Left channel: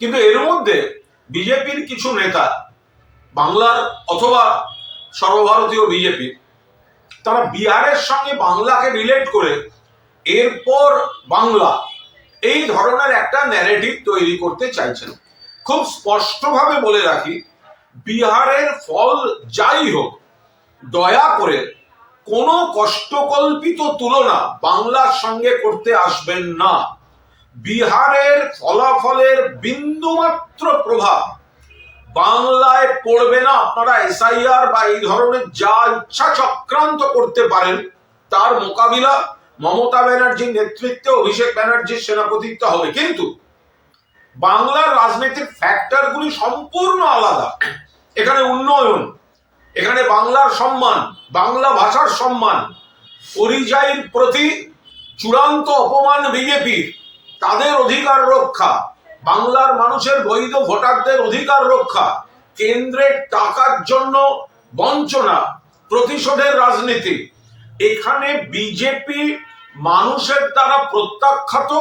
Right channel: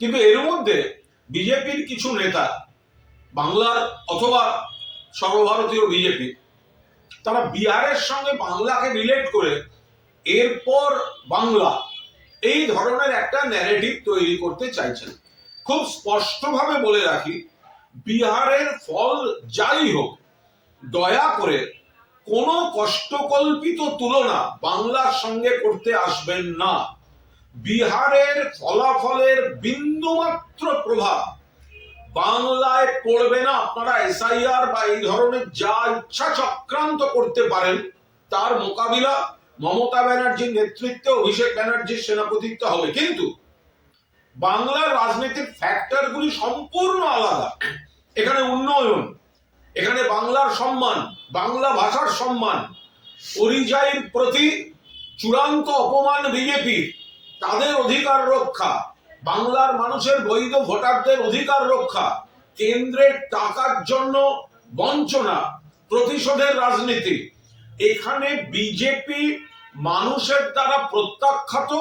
কিন্তু এর মধ্যে বিজেপির কিছু নেতা, বাংলার অথবা সর্বভারতীয় বিজেপি, তারা বিহারের সঙ্গে বাংলাকে রিলেট করে এরপর বাংলা এই ধরনের একটা ন্যারেটিভ তৈরি করতে চাইছেন। খুব স্পষ্টভাবে বলে রাখি, বিহারের ফল যাই হোক, দয়া করে কোনো কষ্টকল্পিত তুলনা বাংলার সঙ্গে করতে আসবেন না। বিহারের ফলাফলের বিন্দুমাত্র প্রভাব বাংলায় পড়বে না। আপনারা এসআইআর বা এই ধরনের যা ইচ্ছা চক্রান্ত করতে পারেন, তার মোকাবিলা মমতা ব্যানার্জির নেতৃত্বে অভিষেক ব্যানার্জির সেনাপতিত্ব হবে। কিন্তু বাংলার রাজনীতির ফ্যাক্টরগুলি সম্পূর্ণ আলাদা। এখানে উন্নয়ন, এখানে বাংলার সম্মান, বাংলা ভাষার সম্মান, পরিযায়ীর প্রতি চূড়ান্ত অপমান বিজেপির। তাদের অধিকার রক্ষা। বাংলার মানুষের বৈধ ভোটারদের অধিকার রক্ষা। কেন্দ্রের টাকার জন্য বঞ্চনা, প্রতিশোধের রাজনীতি। এখানে বিজেপি মানুষের দ্বারা প্রত্যাখ্যাত